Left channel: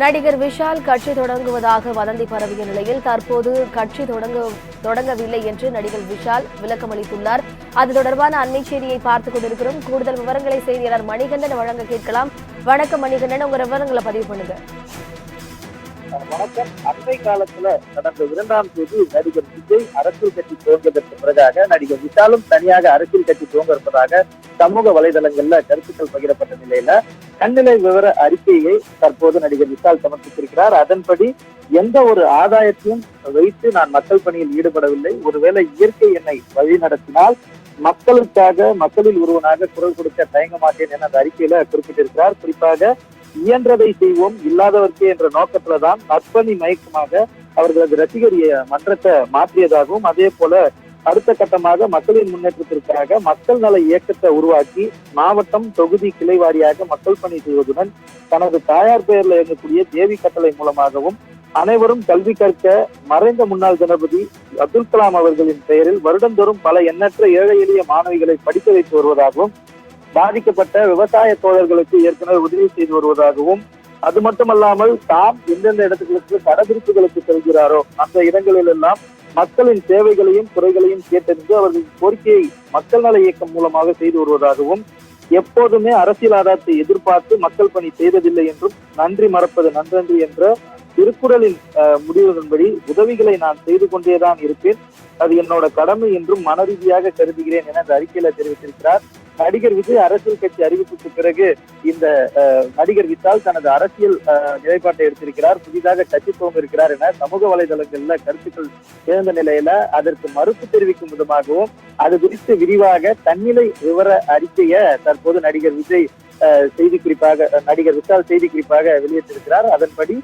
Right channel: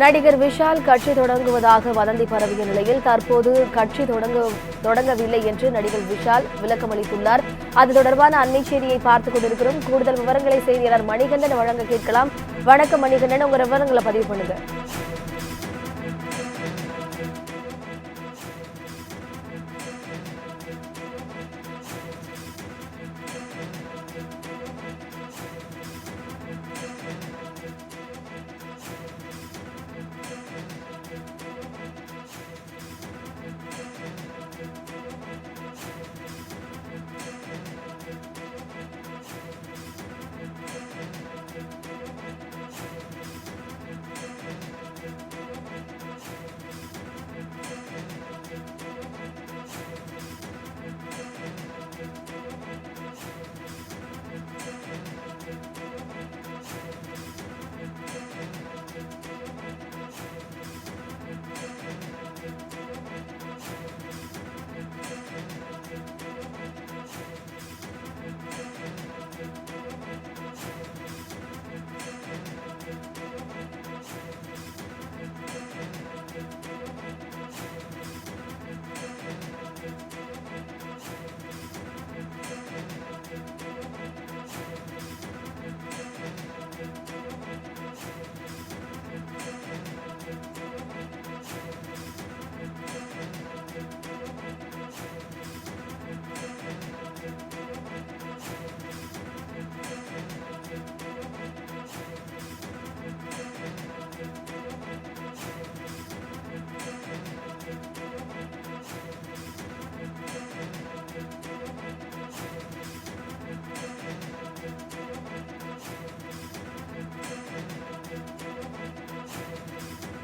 நடிகர் விஷால் கட்சி தொடங்குவதாக வதந்தி பரவிய நிலையில் தற்போது கட்சி தொடங்கவில்லை என்று நடிகர் விஷால் விளக்கம் அளித்துள்ளார். அது தொடர்பான அண்மை செய்தியை பார்த்துக் கொண்டிருக்கிறோம். கூடுதல் விவரங்களை செய்தியாளர் மணிகண்டன் வழங்க கேட்கலாம். வணக்கம் மணிகண்டன், உங்க விவரங்களை பதிவு பண்ணுங்க. வணக்கம். அண்மை காலத்துல கடந்த 2ஆம் தேதி நடிகர் விஜய் அரசியல் கட்சி துவங்குவதற்கு பிறகாக நடிகர் விஷாலும் தனியாக அரசியல் கட்சி துவங்க இருப்பதாக சமூக வலைதளங்கள்ல கருத்துக்கள் பகிரப்பட்ட நிலையில கண்ணிலை விவர அறிக்கையை தற்போது நடிகர் விஷால் சமர்ப்பித்திருக்கிறார். அதன்படி எந்த ஒரு ஆதாயத்தையும் வைத்து நான் மக்கள் பணியில் ஈடுபடவில்லை. ஒருவேளை இயற்கை என்னை வழி நடத்தினால் மக்களுக்காக மக்களில் ஒருவனாக குரல் கொடுக்க தயங்க மாட்டேன் என அந்த அறிக்கையில குறிப்பிட்டிருக்கிறார். குறிப்பாக இயன்றதை செய்வோம் இல்லாதவர்க்கே என்ற நோக்கத்துலதான் நற்பணி மயக்கமாக அவர்களது ரசிகர் மன்றத்தை மாற்றியதாகவும், அதே போல அடுத்த கட்டமாக மக்களின் முன்னேற்றத்திற்காக மக்கள் நல இயக்கத்தை உருவாக்கி மாவட்டம் தொகுதி கிளை வாரியாக மக்கள் பணி செய்வதுடன் தனது தாயார் பெயர்ல இயங்கக்கூடிய தேவி கட்டளை மூலமாகவும் அனைவரும் கல்வி கற்க மறைந்த முன்னாள் ஜனாதிபதி அப்துல் கலாம் அவர்களின் பெயரில் வருடந்தோறும் பல எண்ணற்ற ஏழை எளிய மாணவிகளை படிக்க வைத்து வருவதாகவும், பாதிக்கப்பட்ட விவசாய தோழர்களுக்கு ஏற்கனவே உதவி செய்து வருவதாகவும், அது மட்டுமல்லாமல் தாம் எந்தெந்த இடத்துகளுக்கு கடைபிடிப்புகளுக்கு செல்கிறாரோ அந்த இடங்களில் எல்லாம் மக்களின் தேவைகளையும் குறைகளையும் கேட்டறிந்து அவர்களின் கோரிக்கையை மக்கள் நல இயக்கம் மூலமாக செய்து வருவதாகவும், எப்போதுமே அரசியல் ஆதாயத்தை எதிர்பார்த்து மக்கள் பணி செய்ததில்லை என்றும், நன்றி மறப்பது நன்றன்று என்ற திருக்குறளின் முடிவுகளின்படி உதவிகளை நான் செய்து கொண்டேதான் இருப்பேன், அது என்னோட கடமை என்றும் மனரீதியாக கருதுகிறேன் என அந்த அறிக்கையில தெரிவித்திருக்கிறார். நடிகர் விஜய் அரசியல் கட்சி அறிவிப்புக்கு பிறகு இந்த நடிகர் விஷால் தனது அரசியல் நிலைப்பாட்டை எடுத்திருக்கிறார். புதிதாக கட்சி துவங்க இருக்கிறார் என சமூக வலைதளங்கள்ல கருத்துக்கள் எழுந்த நிலையில அதற்கு மறுப்பு தெரிவிக்கும் விதமாகவும் அது குறித்து விரிவாக தன்னிலை விவர அறிக்கையை தற்போது நடிகர் விஜய் நடிகர் விஷால் செய்தி குறிப்பாக வெளியிட்டிருக்கிறார். அதன்படி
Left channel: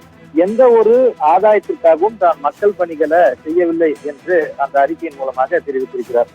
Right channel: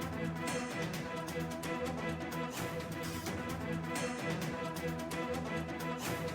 எந்த ஒரு ஆதாயத்திற்காகவும் தான் மக்கள் பணிகளை செய்யவில்லை என்று அந்த அறிக்கையின் மூலமாக தெரிவித்திருக்கிறார்.